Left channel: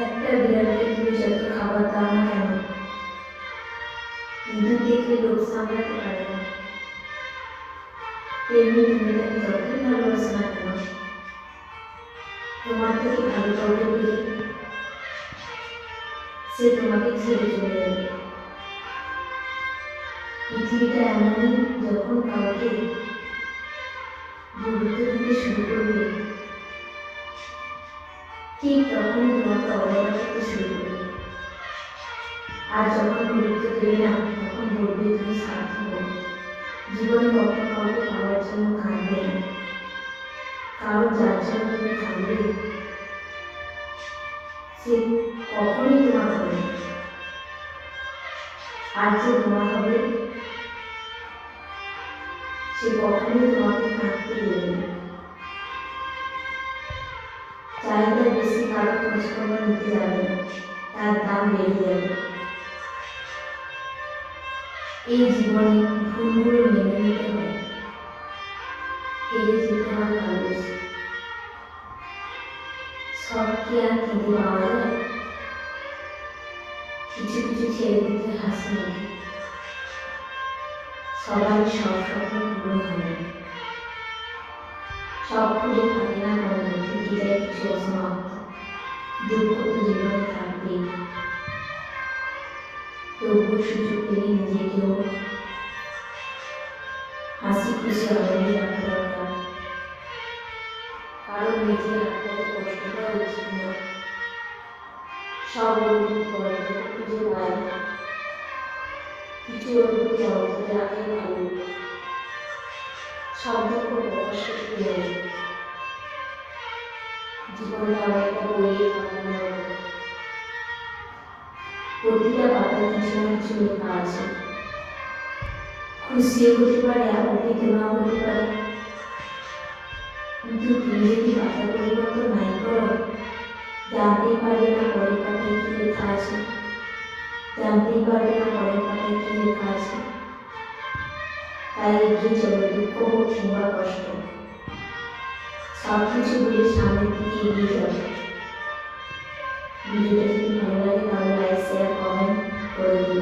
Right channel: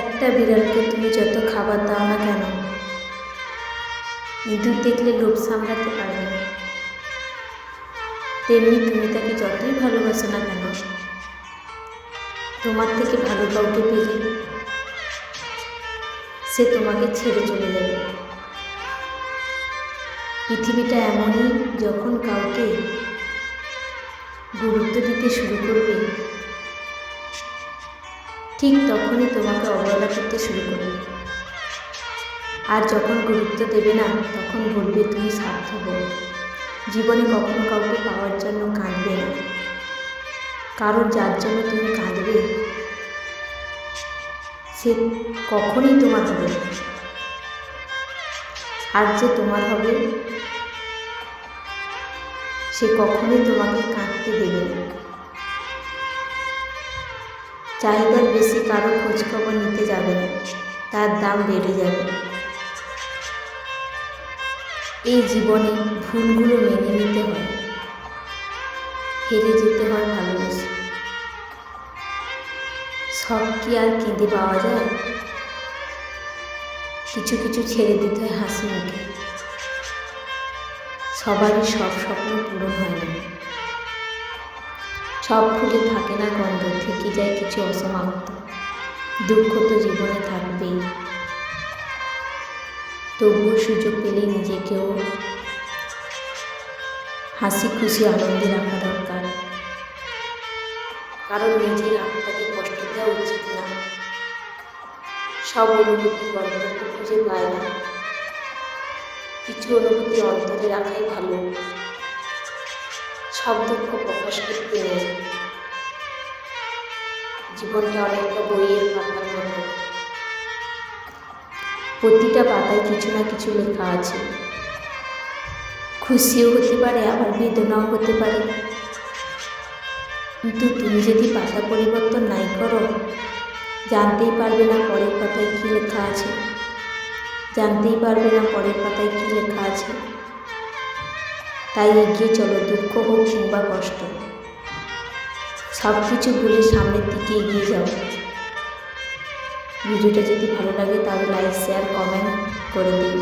একটা বিড়ালকে তুমি যত খাবার দাও না কেন, ইঁদুর দেখলে লোভ সামলাতে পারবে না। তেমনি তুমি তাকে যতই ভালোবাসো না কেন, তোমার থেকে ভালো কাউকে পেলে সে তোমাকে ছেড়ে চলে যাবে। পৃথিবীটা এমনই, যখন কাউকে গুরুত্ব দিতে শুরু করবে, ঠিক তখনই তোমাকে অবহেলা করতে শুরু করবে। আর যখন গুরুত্ব দেবে না, তখন বলবে তুমি স্বার্থপর। জীবনে কখনো কাউকে পাওয়ার জন্য কাঁদবে না, কারণ যার জন্য তুমি কাঁদবে সে কখনই তোমার হবে না। আর যে তোমার হবে সে কখনোই তোমাকে কাঁদতে দেবে না। চাহিদার বেশি কারো খোঁজখবর নিতে যাবে না, তার দাম বেড়ে যাবে। এই জীবনে ভুলগুলো মেনে নিতে হয়, হেরে যেতে হয় ভালোবেসে। সব কি আর কেঁদে পাওয়া যায়? কিছু কিছু ছেড়ে দিতে হয় হাসি মুখে। সবারই সব স্বপ্ন পূরণ হয় না, সব ফুলে থাকে না গন্ধ, থেকে যায় কিছু অসমাপ্ত। দুঃখ তো জীবনে থাকবেই, তবুও সুযোগ পেলে নিজেকেও হাসি খুশি আনন্দে রাখা দরকার, কারণ নিজের আত্মাকে কষ্ট দেওয়া উচিত না। সব অনুভূতি গল্পকে খুঁজে পায় না, কিছু অনুভূতি অন্তরে রাখাই ভালো। সব দুঃখ প্রকাশ করতে নেই, জীবনটা অনেকটা বইয়ের পাতার মতো, প্রতিটা পাতায় কিছু না কিছু লেখা আছে। খুশিও হতে পারে, আবার বেদনাও হতে পারে। কিন্তু তুমি যদি পাতা পরিবর্তন নাই করো, জানতেই পারবে না পরের পাতায় কী লেখা আছে, জানতেই পারবে না পরের পাতায় কী লেখা আছে। তাই এগিয়ে চলো, দুঃখ হোক কিংবা কষ্ট, সব কিছু ভুলে সামনের দিকে এগিয়ে যাও। ভিডিওটা যদি ভালো লাগে তাহলে লাইক, শেয়ার, কমেন্ট করে দিন।